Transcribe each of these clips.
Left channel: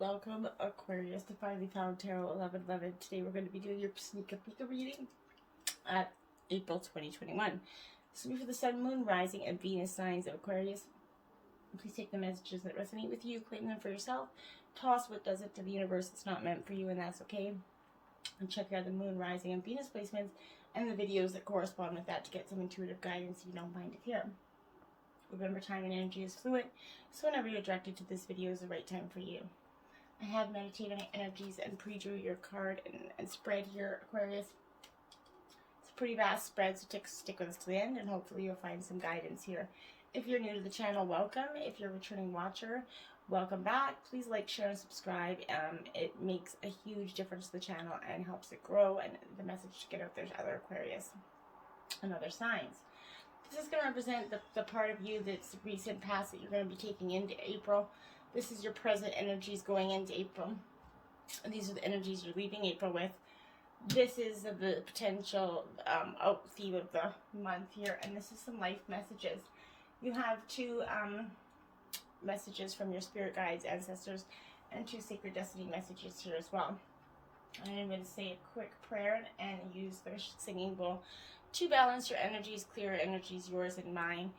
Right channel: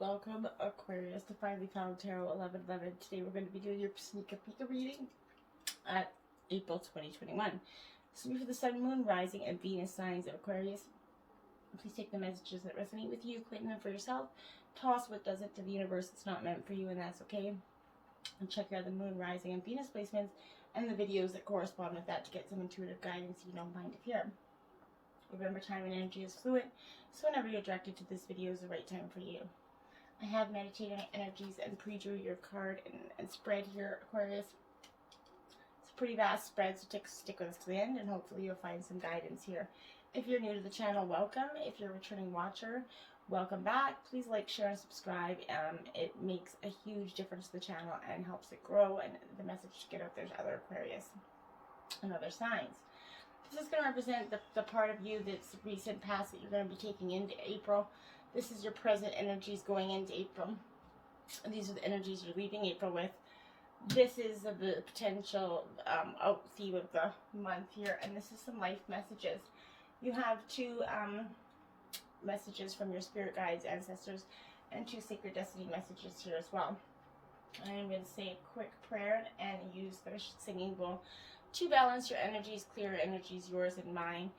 Welcome, Aquarius, to Finally Found Tarot 1111. Today we're going to be doing your Sneaker Peek reading at April 2021. This will be for the Sun, Moon, Rising, and Venus signs of Aquarius. Please take the messages that resonate with you, claim them for yourself, toss what doesn't to the universe. It's not meant for you, and that's okay. And check out the Moon, Rising, and Venus placements and the videos that correspond with that to get some intuitive guidance if you don't mind it here. Remember, time and energy is fluid, so whenever you're directed to this video is the right time for you. I have meditated on energies and pre-drew your card and spread here, Aquarius. It's a pretty vast spread, so stick with us to the end, and hopefully you'll find some guidance here. If you're new to the channel, welcome. If you're a returning watcher, welcome back. Please like, share, and subscribe. It makes a huge difference to the channel and helps it grow and the message to get out there to other Aquarius and other signs. This is going to represent the part of you that's recent past that you're going to be taking into April. This is your present energies going into April. And these are the energies you're leaving April with. This is the potential theme of the month here. And this is some life messages. You have two messages from your spirit guides, ancestors, and two sacred destiny messages here as well. And I'm going to say a quick prayer and use the singing bowl to balance your energies, clear energies, yours and mine.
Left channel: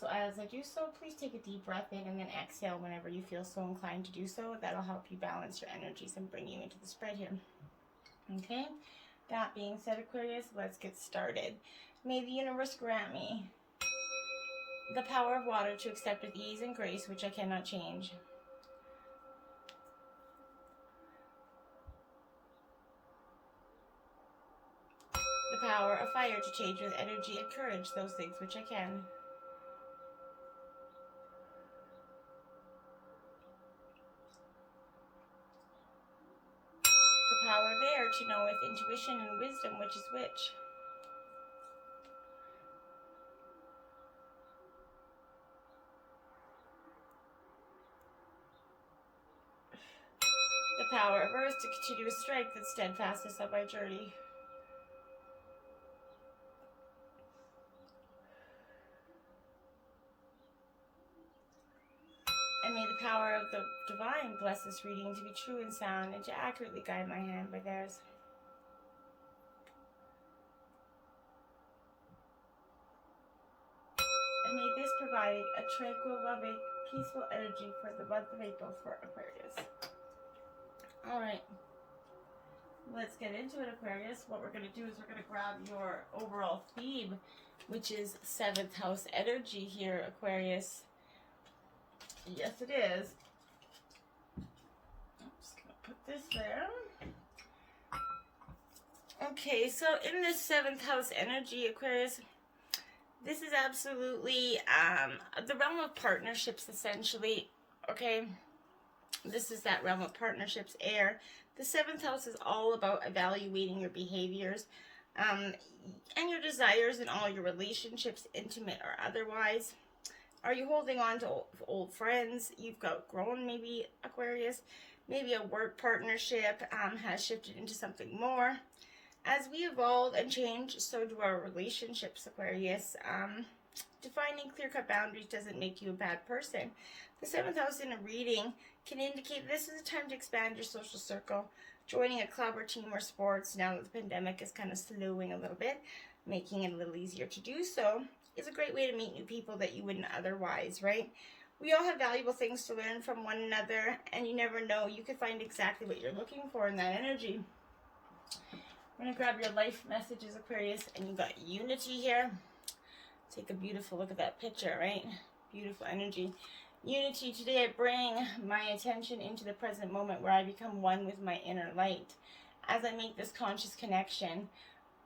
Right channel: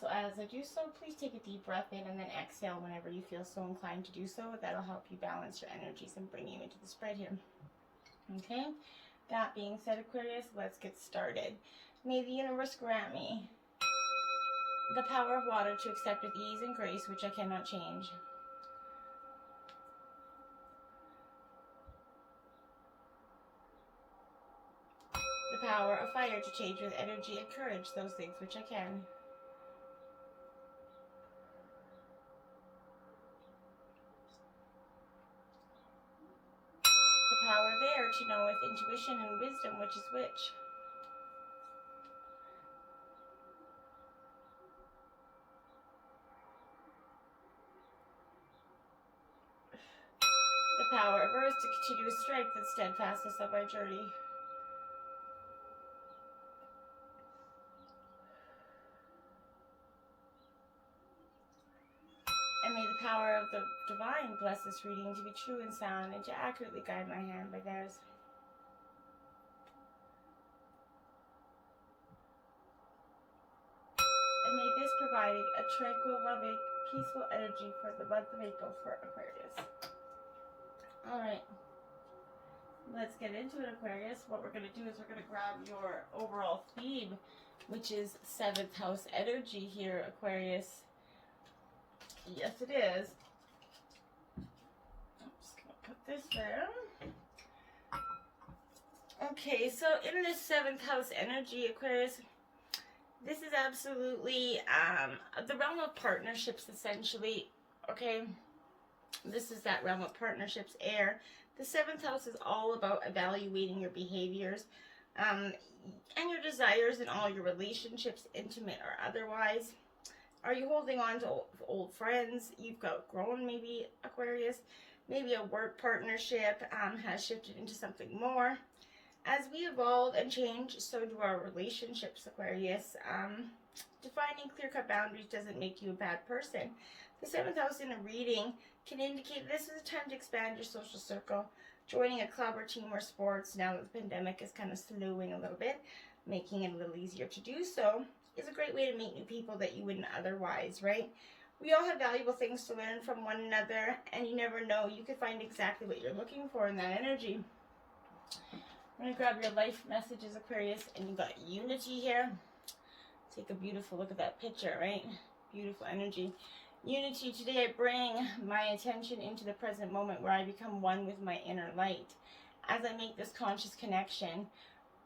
So as I do so, please take a deep breath in and then exhale whenever you feel so inclined to do so. That'll help you balance your energies and bring you into the spread here. Okay, that being said, Aquarius, let's get started. May the universe grant me the power of water to accept with ease and grace, which I cannot change. The power of fire to change with energy and courage those things which I can. The power of air to know with intuition and wisdom which is which. The power of earth to continue with strength and steadfastness on my journey. And may the power of the divine bless this reading to be true and sound and to accurately guide my hand by theirs. And may this provide a tranquil, loving, peaceful energy for the month of April for Aquarius. Alright, let's get into it, Aquarius. What we're going to do is we're going to grab your overall theme, which is 7th house energy here, Aquarius. Yes, it is. I'm just going to put this there. Okay, so in this 7th house energy, Aquarius, this is absolutely the realm of partnerships, essentially, okay? This is that realm of partnerships, air. The 7th house is all about evaluating your behaviors and your desires in all your relationships, intimate or otherwise. Are you holding on to old friends you've outgrown, maybe, Aquarius? Maybe a work partnership has shifted into something more. As we evolve and change, so do our relationships, Aquarius. Defining clear-cut boundaries doesn't make you a bad person. The 7th house in a reading can indicate this is a time to expand your social circle. Joining a club or team or sports, now that the pandemic is kind of slowing a little bit, making it a little easier to do so, is a great way to meet new people that you wouldn't otherwise, right? We all have valuable things to learn from one another, and you never know. You could find exactly what you're looking for in that energy. I'm going to grab your life messages, Aquarius, and you got unity here. Take a beautiful look at that picture, right? Beautiful energy. Unity, today I bring my attention into the present moment where I become one with my inner light. As I make this conscious connection,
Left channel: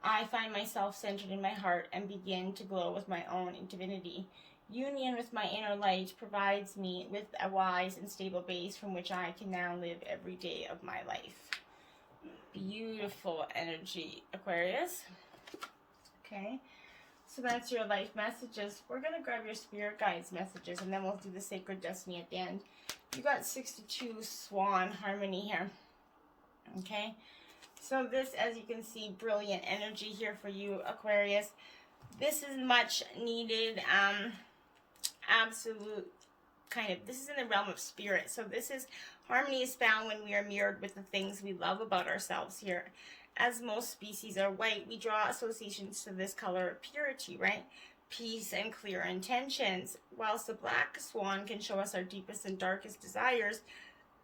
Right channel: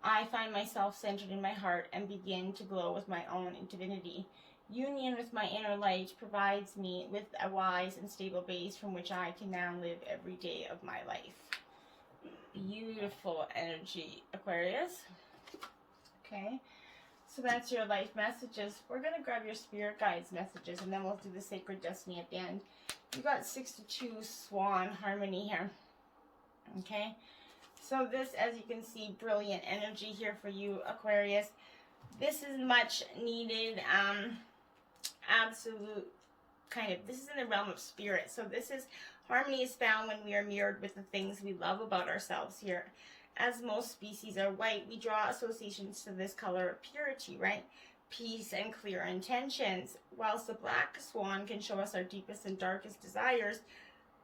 I find myself centered in my heart and begin to glow with my own divinity. Union with my inner light provides me with a wise and stable base from which I can now live every day of my life. Beautiful energy, Aquarius. Okay, so that's your life messages. We're going to grab your spirit guides messages, and then we'll do the sacred destiny at the end. You got 62 swan harmony here. Okay, so this, as you can see, brilliant energy here for you, Aquarius. This is much needed, absolute this is in the realm of spirit. So this is, harmony is found when we are mirrored with the things we love about ourselves here. As most species are white, we draw associations to this color of purity, right? Peace and clear intentions, whilst the black swan can show us our deepest and darkest desires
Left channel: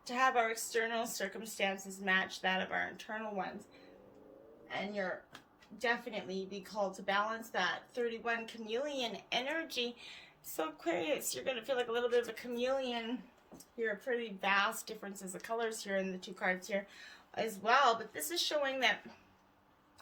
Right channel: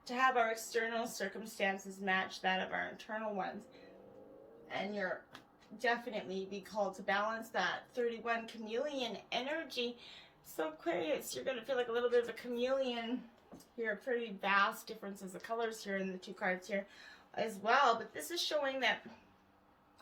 to have our external circumstances match that of our internal ones. And you're definitely be called to balance that 31 chameleon energy. So Aquarius, you're going to feel like a little bit of a chameleon here. Pretty vast differences of colors here in the two cards here as well. But this is showing that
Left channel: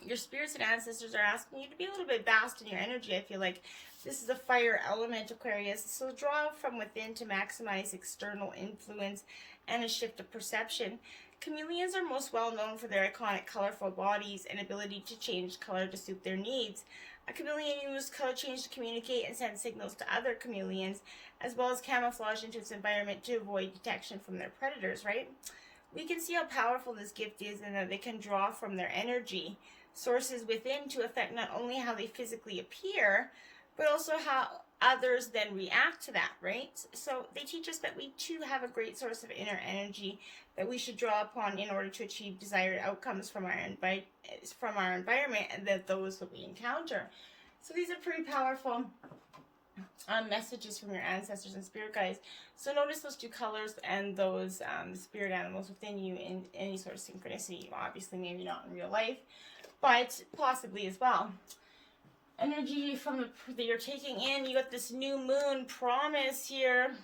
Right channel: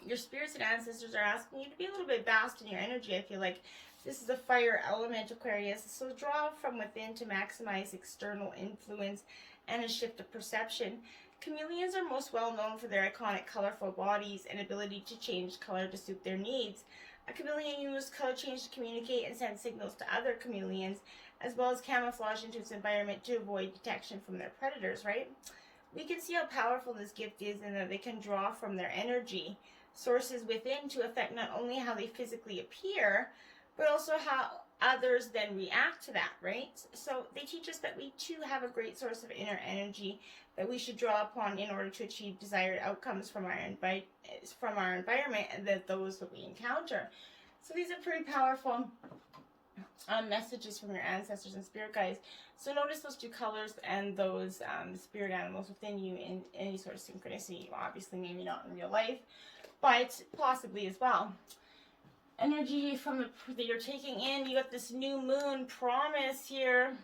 your spirits and ancestors are asking you to be a little bit vast in your energy. I feel like this is a fire element, Aquarius. So draw from within to maximize external influence and a shift of perception. Chameleons are most well known for their iconic colorful bodies and ability to change color to suit their needs. A chameleon uses color change to communicate and send signals to other chameleons, as well as camouflage into its environment to avoid detection from their predators, right? We can see how powerful this gift is and that they can draw from their energy sources within to affect not only how they physically appear, but also how others then react to that, right? So they teach us that we too have a great source of inner energy that we should draw upon in order to achieve desired outcomes from our environment and those that we encounter. So these are pretty powerful messages from your ancestors and spirit guides. So notice those two colors and those spirit animals within you in any sort of synchronicity. Obviously, maybe not in real life, but possibly as well. Energy from that you're taking in. You got this new moon promise here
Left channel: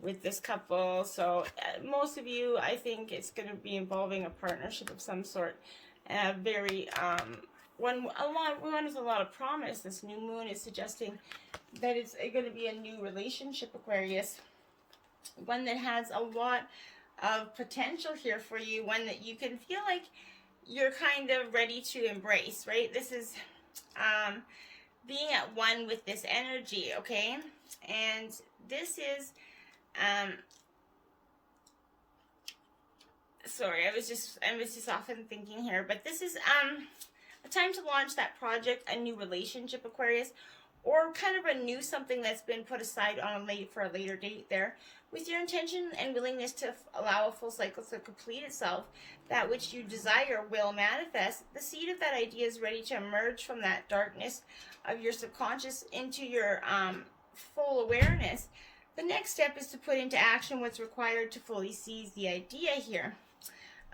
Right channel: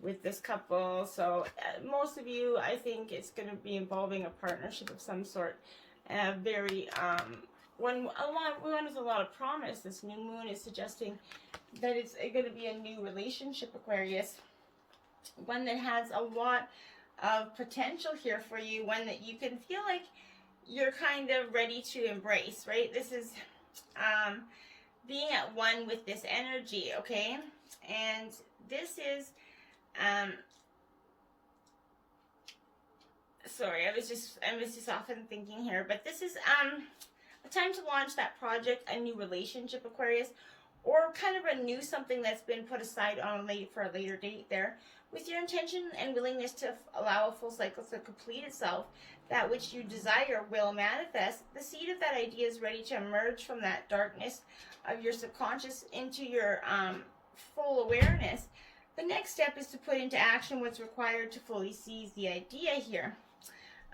with this couple. So most of you, I think it's going to be involving a partnership of some sort. Very one with a lot of promise. This new moon is suggesting that it's going to be a new relationship, Aquarius. One that has a lot of potential here for you. One that you can feel like you're kind of ready to embrace, right? This is being at one with this energy, okay? And this is sorry, I was just often thinking here, but this is a time to launch that project, a new relationship, Aquarius, or kind of renew something that's been put aside on for a later date there, with your intention and willingness to allow a full cycle to complete itself. That which you desire will manifest. The seed of that idea is ready to emerge from that darkness of your subconscious into your full awareness. The next step is to put into action what's required to fully seize the idea here.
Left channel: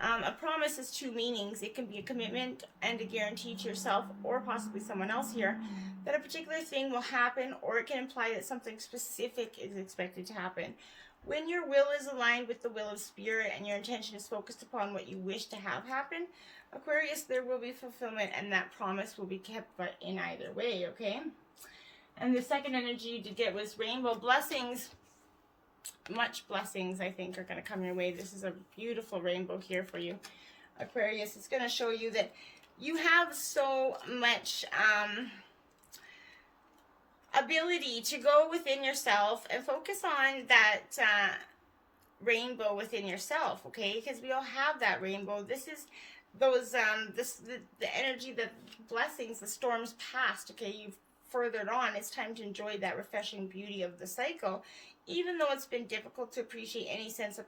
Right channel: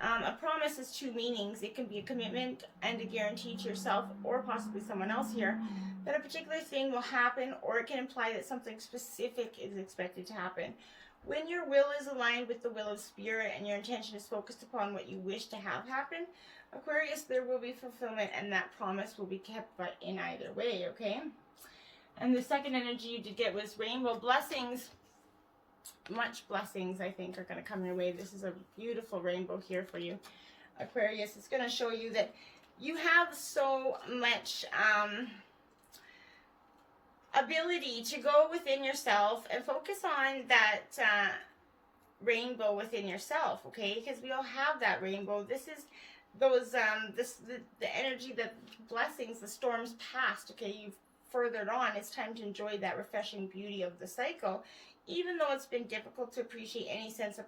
A promise has two meanings. It can be a commitment and a guarantee to yourself or possibly someone else here that a particular thing will happen, or it can imply that something specific is expected to happen. When your will is aligned with the will of spirit and your intention is focused upon what you wish to have happen, Aquarius, there will be fulfillment and that promise will be kept in either way, okay? And the second energy you did get was rainbow blessings. Much blessings, I think, are going to come your way. This is a beautiful rainbow here for you, Aquarius. It's going to show you that you have so much ability to go within yourself and focus on that rainbow within yourself, okay? Because we all have that rainbow. This is those the energy, the blessings, the storms past, okay? You've furthered on. It's time to enjoy that refreshing beauty of the cycle, even though it's been difficult to appreciate any sense of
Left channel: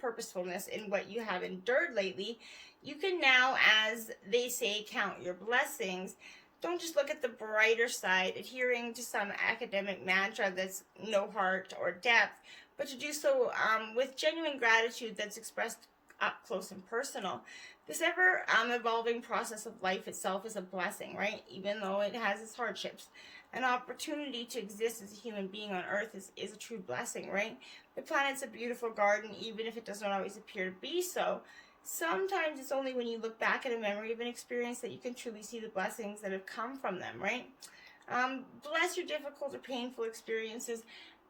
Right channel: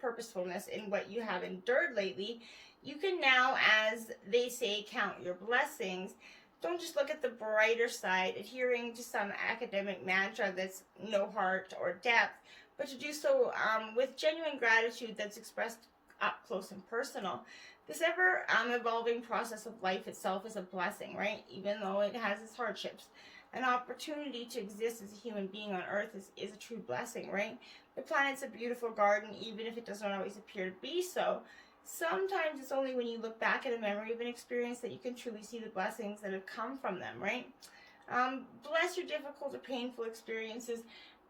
purposefulness in what you have endured lately. You can now, as they say, count your blessings. Don't just look at the brighter side, adhering to some academic mantra that's no heart or depth, but to do so with genuine gratitude that's expressed up close and personal. This ever evolving process of life itself is a blessing, right? Even though it has its hardships. An opportunity to exist as a human being on Earth is a true blessing, right? The planet's a beautiful garden, even if it doesn't always appear to be so. Sometimes it's only when you look back at a memory of an experience that you can truly see the blessings that have come from them, right? Bless your difficult or painful experiences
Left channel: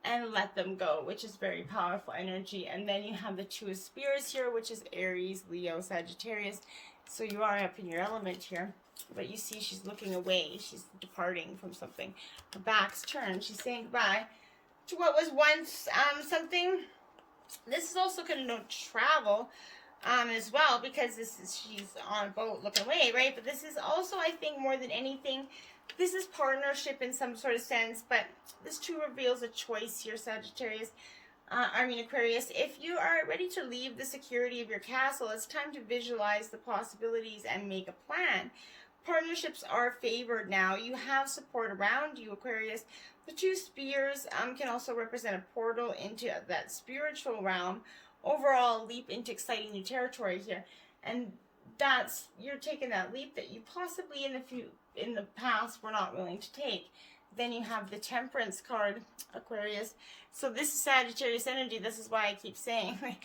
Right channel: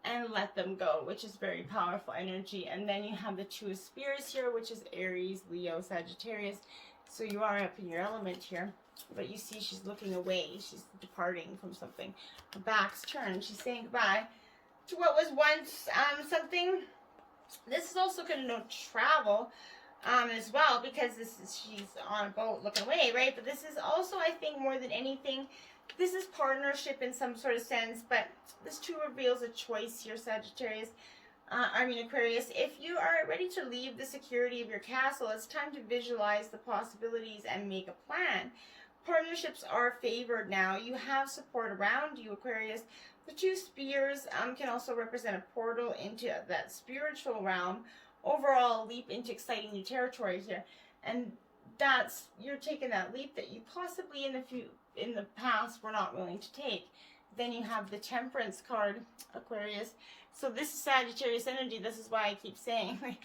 and let them go, which is very powerful energy. And then you have the two of spirits here, which is Aries, Leo, Sagittarius. So you are up in your element here. But you see she's looking away. She's departing from something. Her back's turned. She's saying goodbye to what was once something. This is also going to denote travel as well, because she's on a boat looking away, right? But this is also, I think, more than anything, this is partnership in some sort of sense. But this too reveals a choice here, Sagittarius. Aquarius, if you are ready to leave the security of your castle, it's time to visualize the possibilities and make a plan. Partnerships are favored now. You have support around you, Aquarius. The two spears can also represent a portal into that spiritual realm. Overall, leap into exciting new territory here. And you're taking that leap that you possibly in the past were not willing to take. Then you have the Temperance card, Aquarius. So this is Sagittarius energy. This is why I keep saying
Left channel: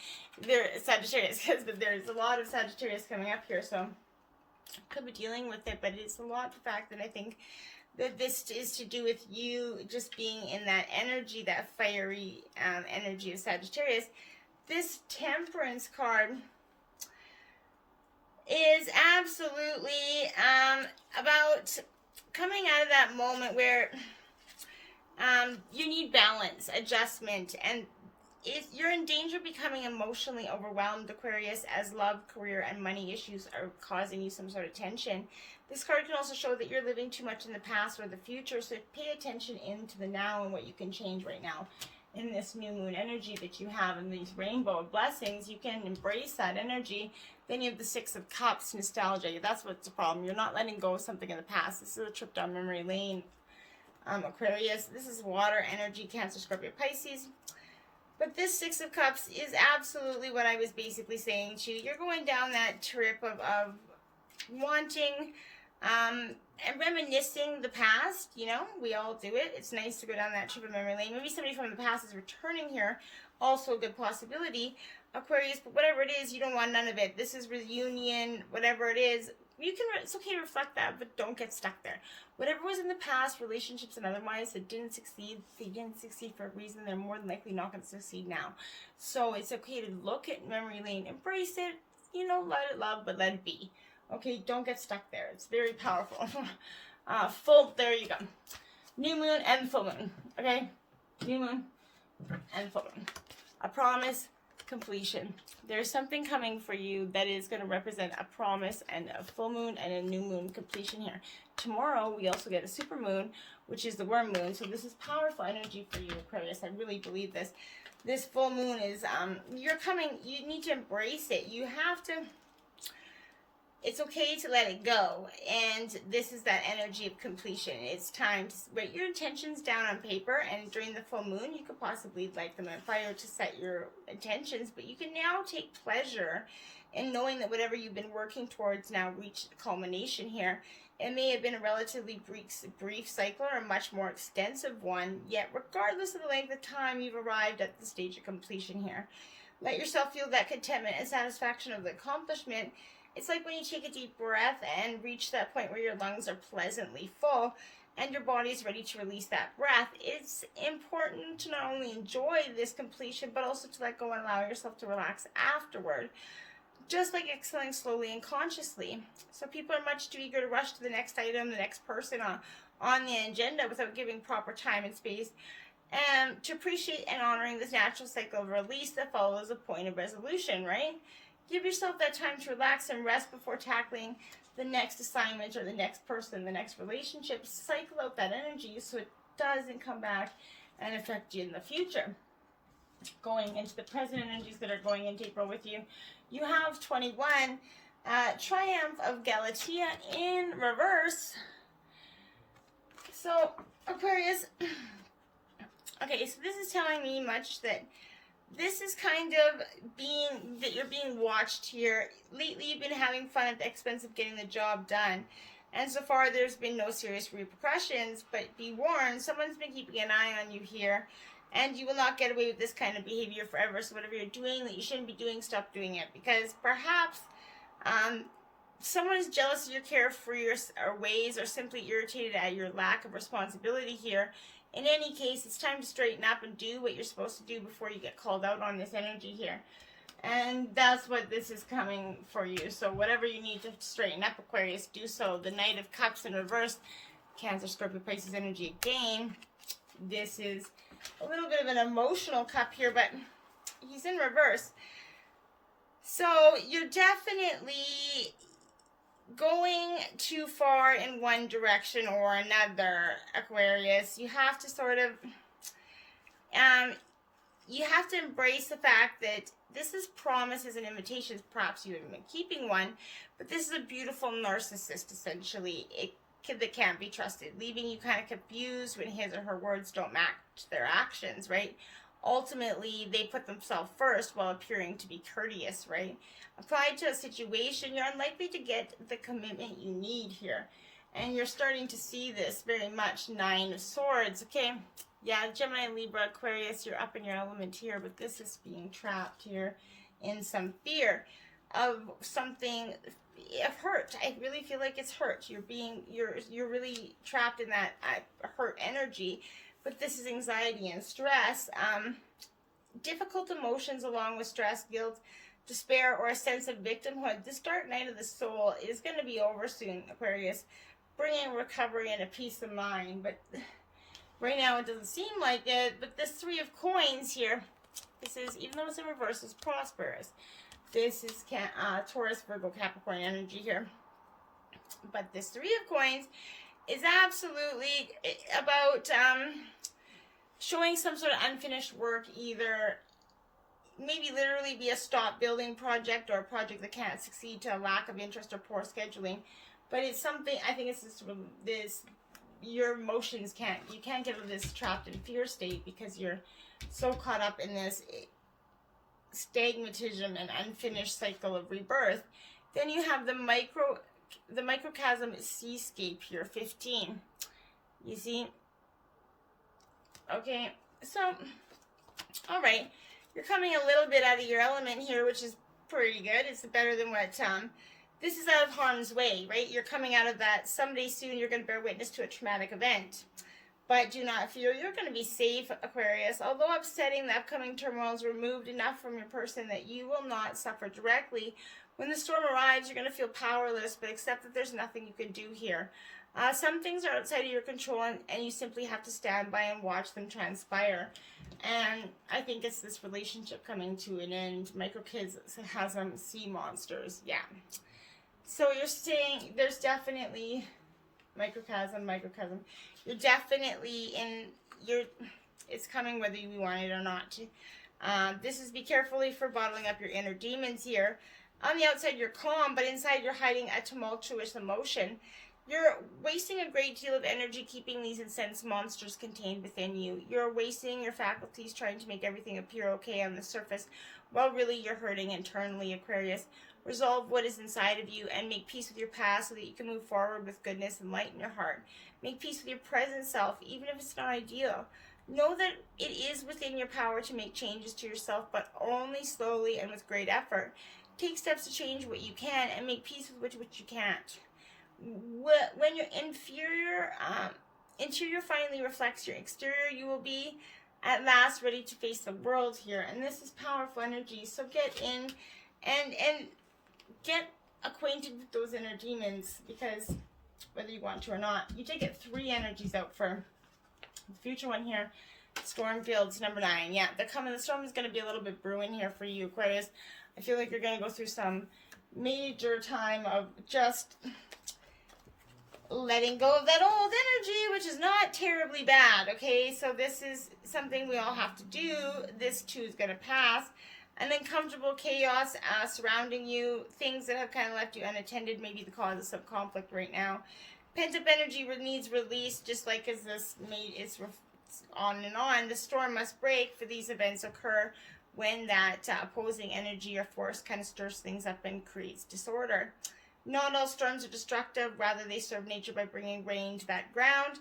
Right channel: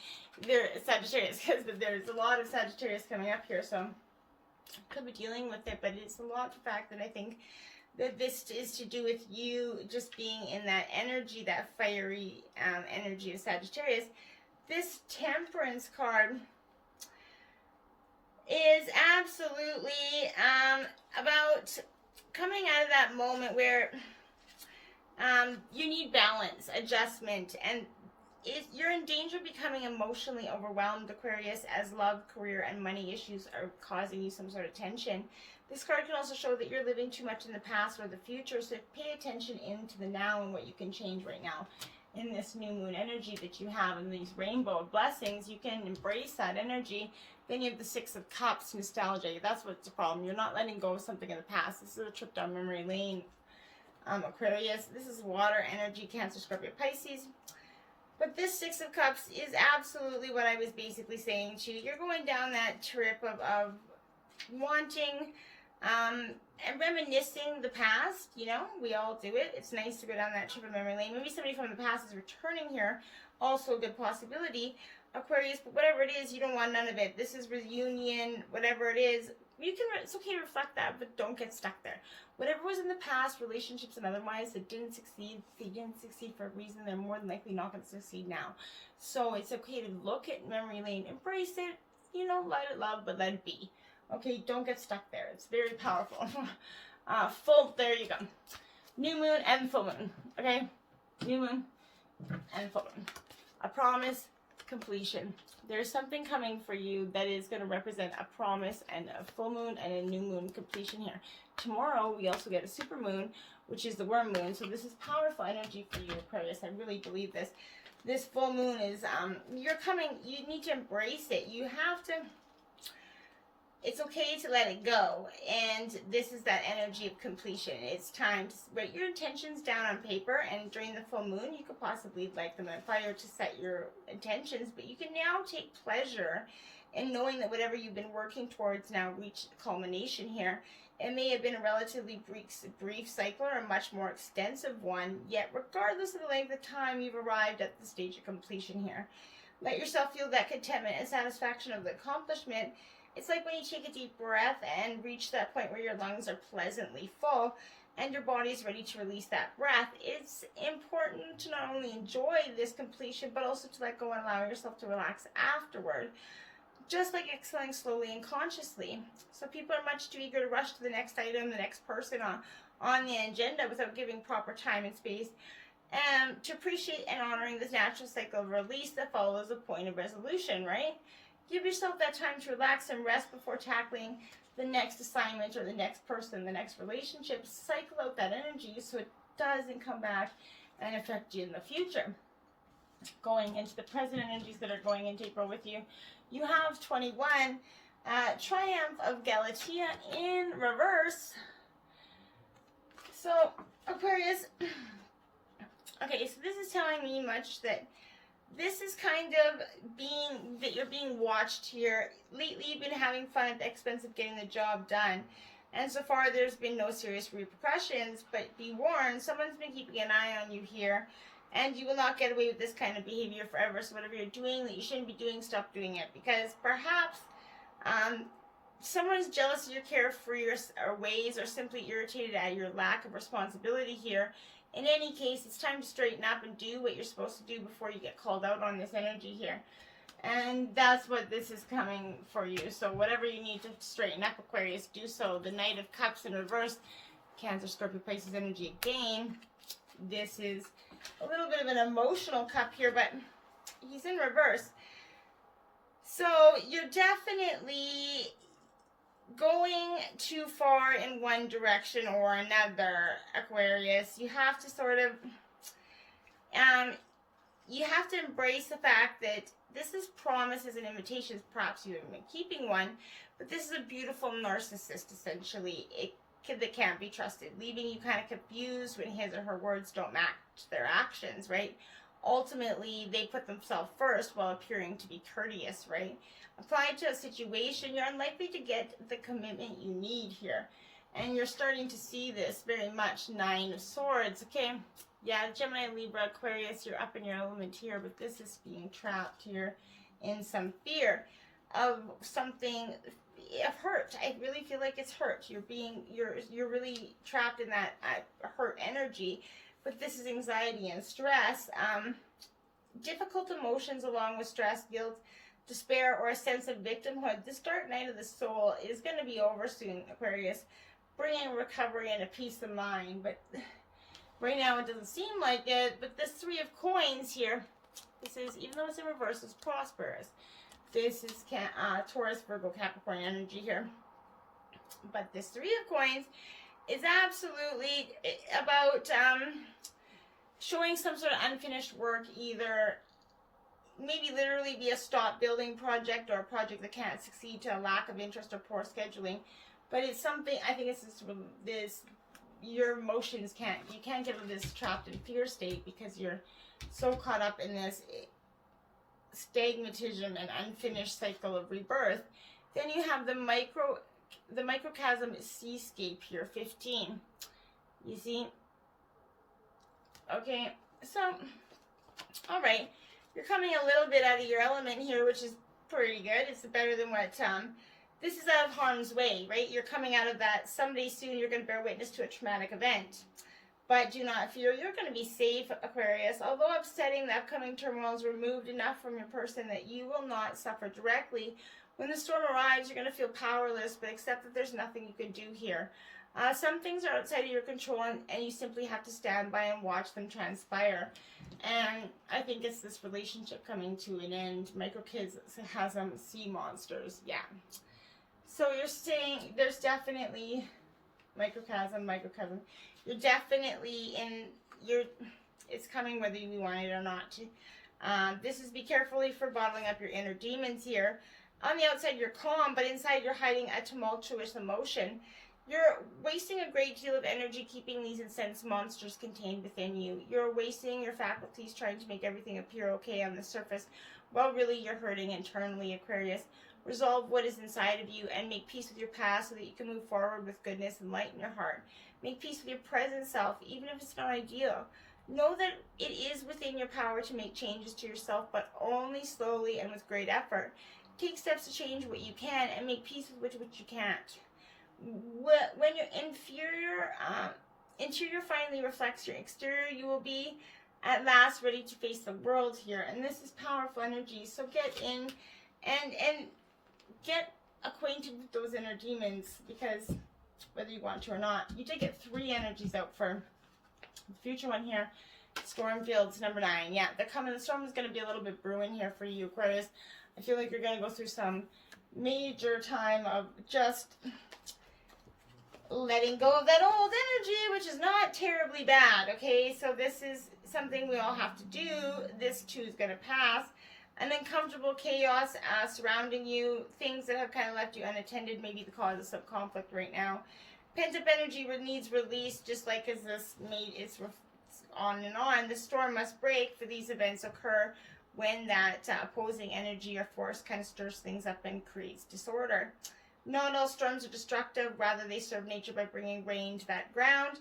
Sagittarius, because there's a lot of Sagittarius coming up here. So could be dealing with it, but it's a lot the fact that I think that this is to do with you just being in that energy, that fiery energy of Sagittarius. This Temperance card is absolutely about coming out of that moment where you need balance, adjustment, and you're in danger of becoming emotionally overwhelmed, Aquarius, as love, career, and money issues are causing you some sort of tension. This card can also show that you're living too much in the past or the future, so pay attention into the now and what you can change right now. In this new moon energy that you have and these rainbow blessings, you can embrace that energy. Then you have the Six of Cups, nostalgia. That's what's the problem. You're not letting go of something in the past. This is a trip down memory lane, Aquarius. This is water energy, Cancer, Scorpio, Pisces. But this Six of Cups is absolutely what I was basically saying to you. You're going down that trip of wanting and reminiscing the past. You know, we all do it. It's nice to go down that trip of memory lane. Maybe somebody from the past is returning here. Also a good possibility, Aquarius. But whatever it is, you don't want none of it. This is reunion, whatever it is. It's okay to reflect that, but don't get stuck there. Whatever was in the past, relationships and otherwise that didn't succeed, they didn't succeed for a reason. They're more than likely not going to succeed now. So it's okay to look at memory lane, embrace it, you know, let it love, but let it be. Okay, don't get stuck there. It's very powerful. There you go. New moon and full moon. Okay, new moon and full moon. A promise, completion. There's something coming for you that is going to represent a promise and a full moon and a new moon completion here. Tomorrow, we also get a super moon, which is the worm moon. So this is powerful energy for you, Aquarius. I really believe this. This full moon is, you need to embrace it. You have to, it's okay to let it go. And this is that energy of completion. It's time to write your intentions down on paper. And during the full moon, you could possibly light them on fire to set your intentions. But you can now take pleasure in knowing that whatever you've been working towards now reached culmination here. It may have been a relatively brief cycle or a much more extensive one, yet regardless of the length of time, you've arrived at the stage of completion here. Let yourself feel that contentment and satisfaction of the accomplishment. It's like when you take a deep breath and reach that point where your lungs are pleasantly full and your body's ready to release that breath. It's important to not only enjoy this completion, but also to let go and allow yourself to relax afterward. Just like exhaling slowly and consciously. So people are much too eager to rush to the next item, the next person on the agenda without giving proper time and space to appreciate and honoring this natural cycle of release that follows a point of resolution, right? Give yourself that time to relax and rest before tackling the next assignment or the next person, the next relationship. Cycle out that energy so it doesn't come back and affect you in the future. Going into the present energies that are going into April with you, you have 21, Triumph of Galatea in reverse. So, Aquarius, okay, so this is telling me much that this is kind of that you're being watched here. Lately, you've been having fun at the expense of getting the job done. And so far, there's been no serious repercussions, but be warned, someone's been keeping an eye on you here. And you will not get away with this kind of behavior forever. So whatever you're doing that you shouldn't be doing, stop doing it. Because perhaps someone is jealous of your carefree or ways or simply irritated at your lack of responsibility here. In any case, it's time to straighten up and do what you're supposed to do before you get called out on this energy here. And that's what this is coming for you. So whatever you need to straighten up, Aquarius, do so. The Knight of Cups in reverse, Cancer, Scorpio, Pisces energy again. This is a little bit of an emotional cup here, but he's in reverse. So you're definitely going too far in one direction or another, Aquarius. You have to sort of, you have to embrace the fact that this is promises and invitations, perhaps you have been keeping one, but this is a beautiful narcissist, essentially, that can't be trusted, leaving you kind of confused when his or her words don't match their actions, right? Ultimately, they put themselves first while appearing to be courteous, right? Applied to a situation, you're unlikely to get the commitment you need here. And you're starting to see this very much. 9 of Swords, okay? Yeah, Gemini, Libra, Aquarius, you're up in your element here, but this is being trapped here in some fear of something, of hurt. I really feel like it's hurt. You're really trapped in that hurt energy, but this is anxiety and stress. Difficult emotions along with stress, guilt, despair, or a sense of victimhood. This dark night of the soul is going to be over soon, Aquarius, bringing recovery and a peace of mind, but right now it doesn't seem like it. But this 3 of Coins here, this is, even though it's in reverse, it's prosperous. This is Taurus, Virgo, Capricorn energy here. But this 3 of Coins is absolutely about showing some sort of unfinished work, either maybe literally be a stop building project or a project that can't succeed to a lack of interest or poor scheduling. But it's something, I think it's this your emotions you can't get out of this trapped in fear state because you're so caught up in this stagnatism and unfinished cycle of rebirth. Then you have the microcosm seascape here, 15. You see? Okay, so, all right. You're coming a little bit out of your element here, which is pretty good. It's better than what, this is out of harm's way, right? You're coming out of that. Someday soon you're going to bear witness to a traumatic event. But do not fear, you're going to be safe, Aquarius. Although upsetting, the upcoming turmoil is removed enough from your person that you will not suffer directly. When the storm arrives, you're going to feel powerless, but accept that there's nothing you can do here. Some things are outside of your control, and you simply have to stand by and watch them transpire. And I think it's this relationship coming to an end. Microcosm sea monsters, yeah. So you're saying there's definitely microcosm. You're definitely it's coming whether you want it or not. This is be carefully for bottling up your inner demons here. On the outside, you're calm, but inside you're hiding a tumultuous emotion. You're wasting a great deal of energy keeping these incensed monsters contained within you. You're wasting your faculties trying to make everything appear okay on the surface, while really you're hurting internally, Aquarius. Resolve what is inside of you and make peace with your past so that you can move forward with goodness and light in your heart. Make peace with your present self, even if it's not ideal. Know that it is within your power to make changes to yourself, but only slowly and with great effort. Take steps to change what you can and make peace with which you can't. When your interior finally reflects your exterior, you will be at last ready to face the world here. And this is powerful energy. So get in and get acquainted with those inner demons, because whether you want to or not, you did get 3 energies out for the future one here. Storm Fields, number 9. Yeah, the storm is going to be a little bit brewing here for you, Aquarius. I feel like you're going to go through some major time of just letting go of that old energy, which is not terribly bad, okay? So this is something we all have to do. This too is going to pass. And then comfortable chaos surrounding you, things that have kind of left you unattended, maybe the cause of some conflict right now. Pent-up energy needs release, just like as this it's on and on. The storm must break, for these events occur when that opposing energy or force kind of stirs things up and creates disorder. Not all storms are destructive, rather they serve nature by bringing rain to that ground,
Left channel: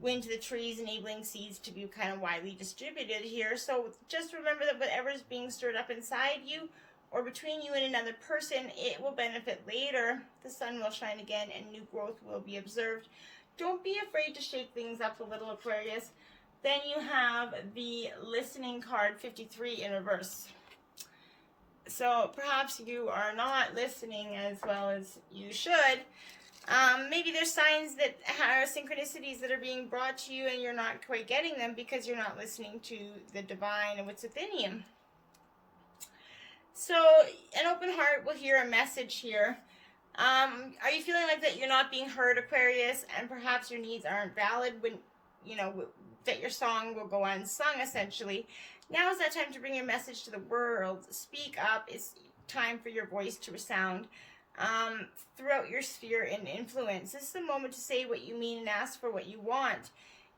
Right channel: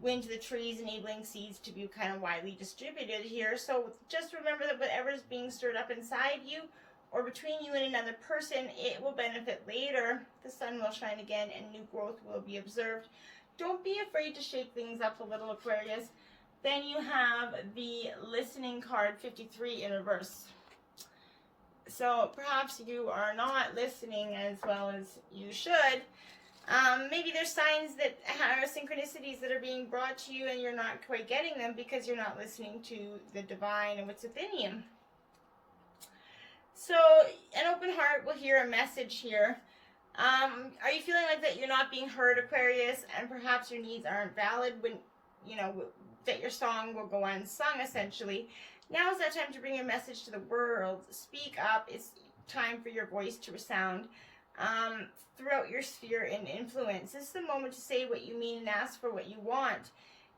wind to the trees, enabling seeds to be kind of widely distributed here. So just remember that whatever is being stirred up inside you or between you and another person, it will benefit later. The sun will shine again and new growth will be observed. Don't be afraid to shake things up a little, Aquarius. Then you have the listening card, 53 in reverse. So perhaps you are not listening as well as you should. Maybe there's signs that are synchronicities that are being brought to you and you're not quite getting them because you're not listening to the divine and what's within you. So an open heart will hear a message here. Are you feeling like that you're not being heard, Aquarius, and perhaps your needs aren't valid when, that your song will go unsung, essentially? Now is that time to bring your message to the world. Speak up. It's time for your voice to resound throughout your sphere and influence. This is the moment to say what you mean and ask for what you want.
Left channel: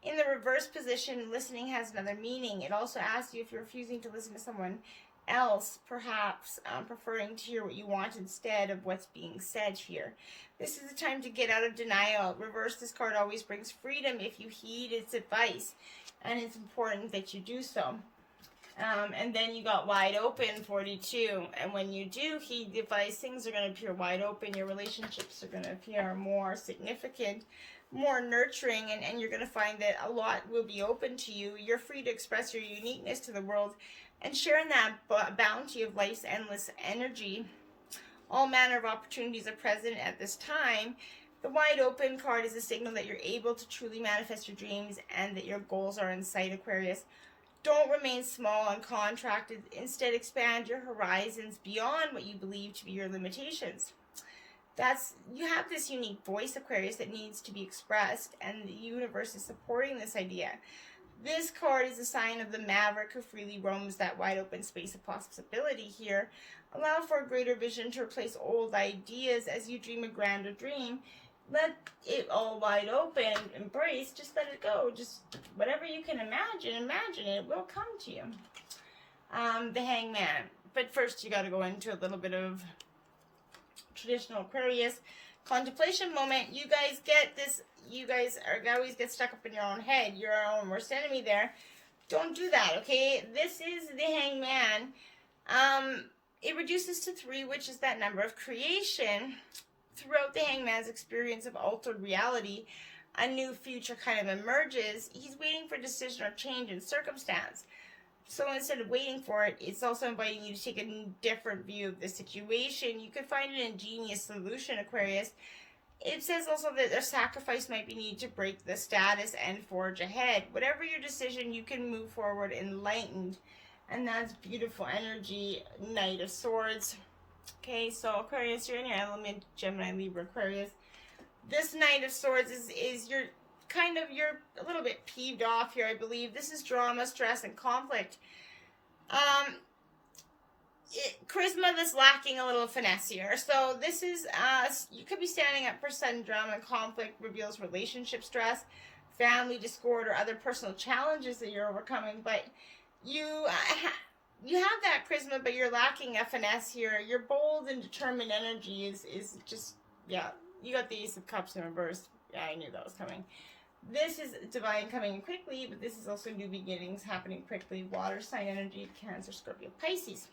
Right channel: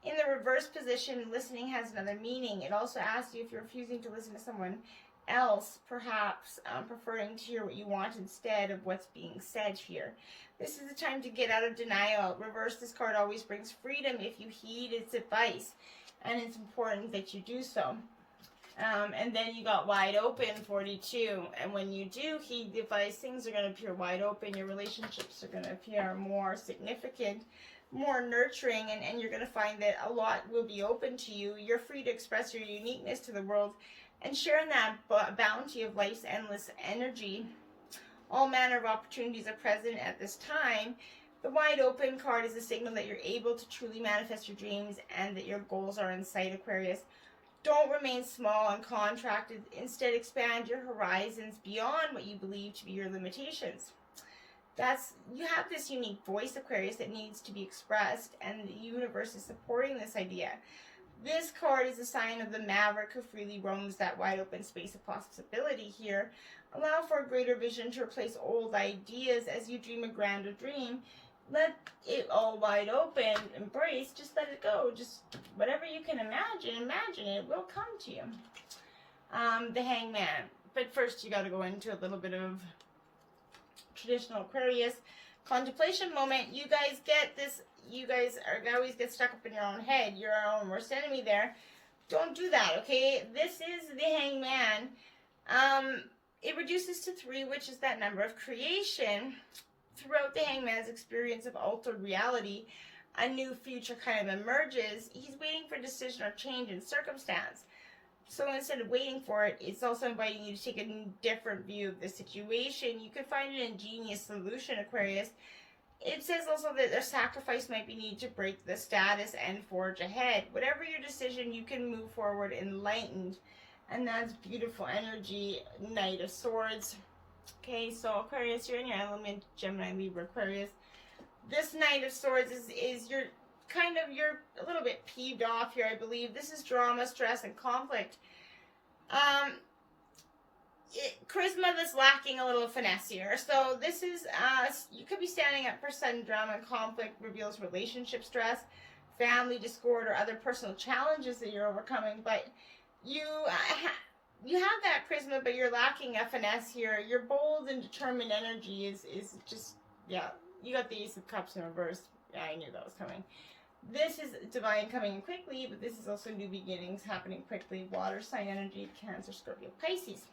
In the reverse position, listening has another meaning. It also asks you if you're refusing to listen to someone else, perhaps preferring to hear what you want instead of what's being said here. This is the time to get out of denial. Reverse, this card always brings freedom if you heed its advice, and it's important that you do so. And then you got wide open, 42. And when you do heed the advice, things are going to appear wide open. Your relationships are going to appear more significant, more nurturing, and you're going to find that a lot will be open to you. You're free to express your uniqueness to the world and share in that bounty of life's endless energy. All manner of opportunities are present at this time. The wide open card is a signal that you're able to truly manifest your dreams and that your goals are in sight, Aquarius. Don't remain small and contracted. Instead, expand your horizons beyond what you believe to be your limitations. You have this unique voice, Aquarius, that needs to be expressed, and the universe is supporting this idea. This card is a sign of the maverick who freely roams that wide open space of possibility here. Allow for a greater vision to replace old ideas as you dream a grander dream. Let it all wide open, embrace, just let it go. Just whatever you can imagine it, it will come to you. The Hangman. But first you got to go into a little bit of traditional Aquarius contemplation moment. You guys get this. You guys always get stuck up in your own head. You're our own worst enemy there. Don't do that, okay? This is the Hangman. It reduces to 3, which is that number of creation. Throughout the Hangman's experience of altered reality, a new future kind of emerges. He's waiting for decision or change in circumstance. So instead of waiting for it, it's also inviting you to take a different view of the situation. You could find an ingenious solution, Aquarius. It says also that a sacrifice might be needed to break the status and forge ahead. Whatever your decision, you can move forward enlightened. And that's beautiful energy, Knight of Swords. Okay, so Aquarius, you're in your element, Gemini, Libra, Aquarius. This Knight of Swords is you're a little bit peeved off here, I believe. This is drama, stress, and conflict. Charisma that's lacking a little finesse here. So this is, you could be standing up for sudden drama and conflict, reveals relationship stress, family discord, or other personal challenges that you're overcoming, but you have that charisma, but you're lacking a finesse here. Your bold and determined energy is just, yeah. You got the Ace of Cups in reverse. Yeah, I knew that was coming. This is divine coming in quickly, but this is also new beginnings happening quickly. Water sign energy, Cancer, Scorpio, Pisces.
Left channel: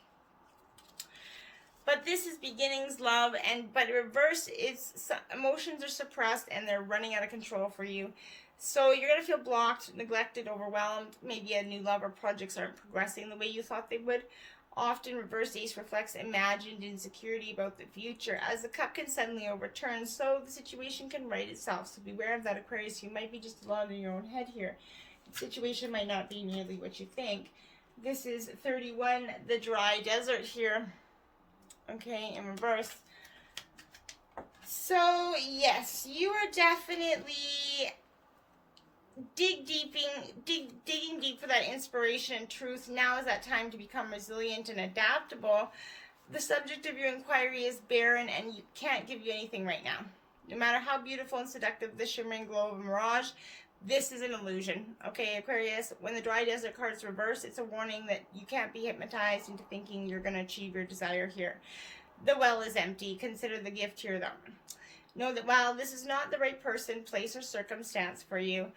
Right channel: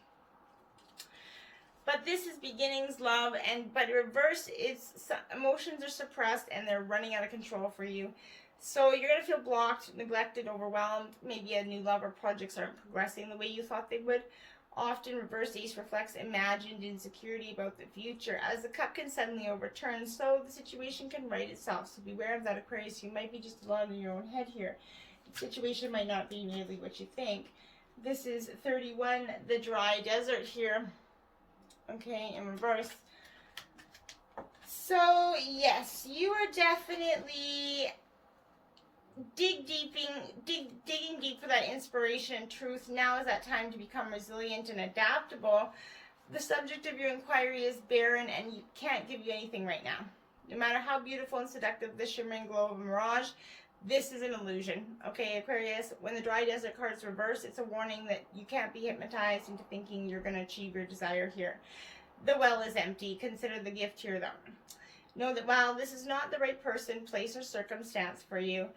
But this is beginnings, love, but reverse, emotions are suppressed and they're running out of control for you. So you're going to feel blocked, neglected, overwhelmed. Maybe a new love or projects aren't progressing the way you thought they would. Often reverse ace reflects imagined insecurity about the future. As the cup can suddenly overturn, so the situation can right itself. So beware of that, Aquarius. You might be just alone in your own head here. The situation might not be nearly what you think. This is 31, the dry desert here. Okay, in reverse. So, yes, you are definitely digging deep for that inspiration and truth. Now is that time to become resilient and adaptable. The subject of your inquiry is barren and you can't give you anything right now. No matter how beautiful and seductive the shimmering glow of a mirage, this is an illusion. Okay, Aquarius, when the dry desert card's reversed, it's a warning that you can't be hypnotized into thinking you're going to achieve your desire here. The well is empty. Consider the gift here, though. Know that while this is not the right person, place, or circumstance for you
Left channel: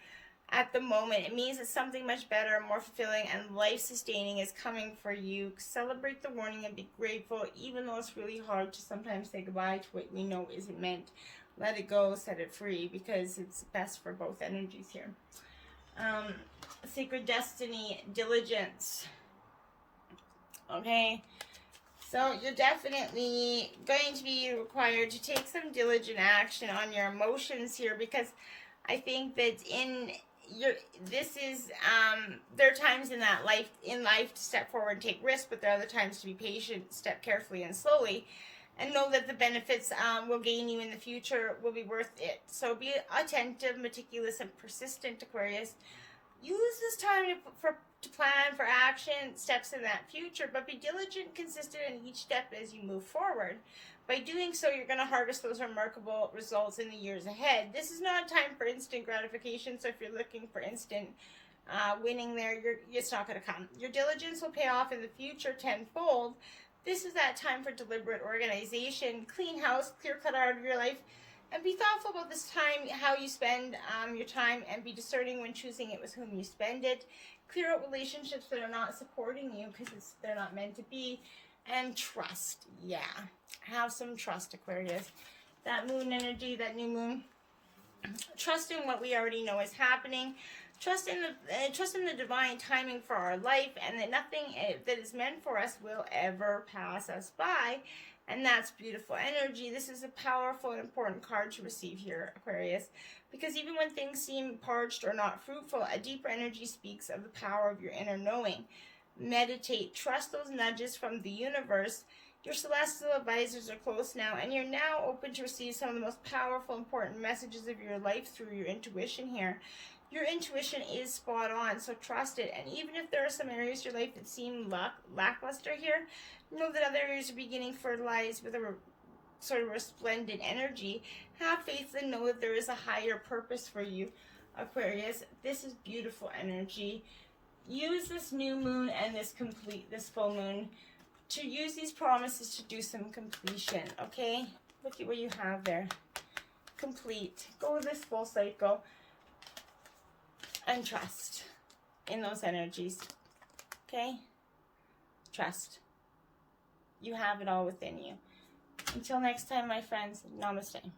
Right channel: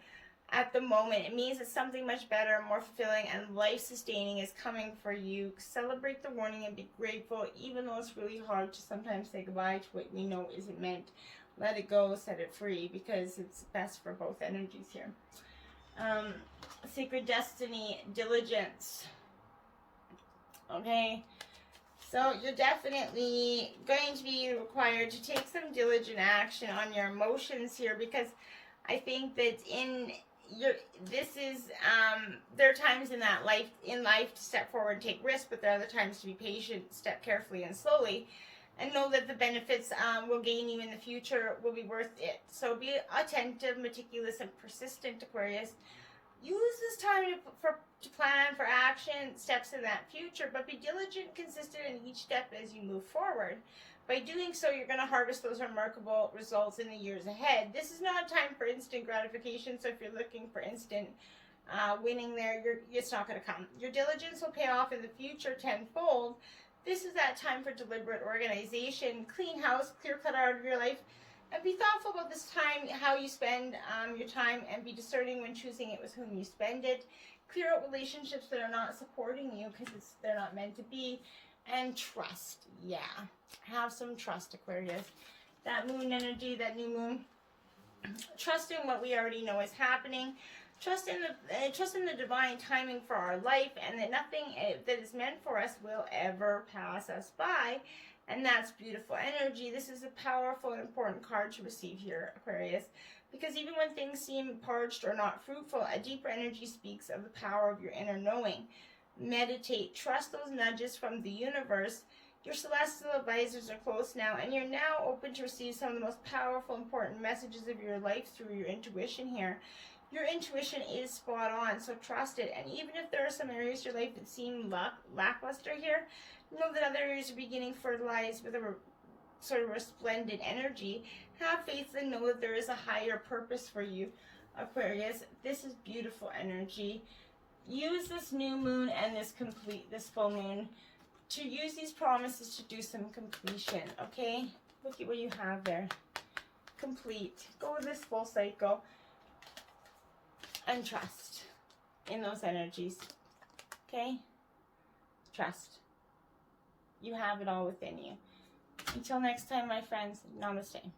at the moment, it means that something much better, more fulfilling, and life-sustaining is coming for you. Celebrate the warning and be grateful, even though it's really hard to sometimes say goodbye to what we know isn't meant. Let it go, set it free, because it's best for both energies here. Sacred destiny, diligence. Okay, so you're definitely going to be required to take some diligent action on your emotions here, because I think that there are times in life to step forward and take risks, but there are other times to be patient, step carefully and slowly, and know that the benefits will gain you in the future will be worth it. So be attentive, meticulous, and persistent, Aquarius. Use this time to plan for action, steps in that future, but be diligent, consistent in each step as you move forward. By doing so, you're going to harvest those remarkable results in the years ahead. This is not a time for instant gratification, so if you're looking for instant winning there, it's not going to come. Your diligence will pay off in the future tenfold. This is that time for deliberate organization, clean house, clear cut out of your life, and be thoughtful about this time, how you spend your time, and be discerning when choosing it with whom you spend it. Clear out relationships that are not supporting you because they're not meant to be. And trust. Yeah. Have some trust, Aquarius. That moon energy, that new moon. Trust in what we already know is happening. Trust in the divine timing for our life, and that nothing that is meant for us will ever pass us by. And that's beautiful energy. This is a powerful and important card to receive here, Aquarius, because even when things seem parched or not fruitful, a deeper energy speaks of the power of your inner knowing. Meditate. Trust those nudges from the universe. Your celestial advisors are close now, and you're now open to receive some of the most powerful, important messages of your life through your intuition here. Your intuition is spot on, so trust it. And even if there are some areas of your life that seem lackluster here, know that other areas are beginning to fertilize with a sort of resplendent energy. Have faith and know that there is a higher purpose for you, Aquarius. This is beautiful energy. Use this new moon and this full moon to use these promises to do some completion, okay? Look at what you have there. Complete. Go with this full cycle and trust in those energies, okay? Trust. You have it all within you. Until next time, my friends, namaste.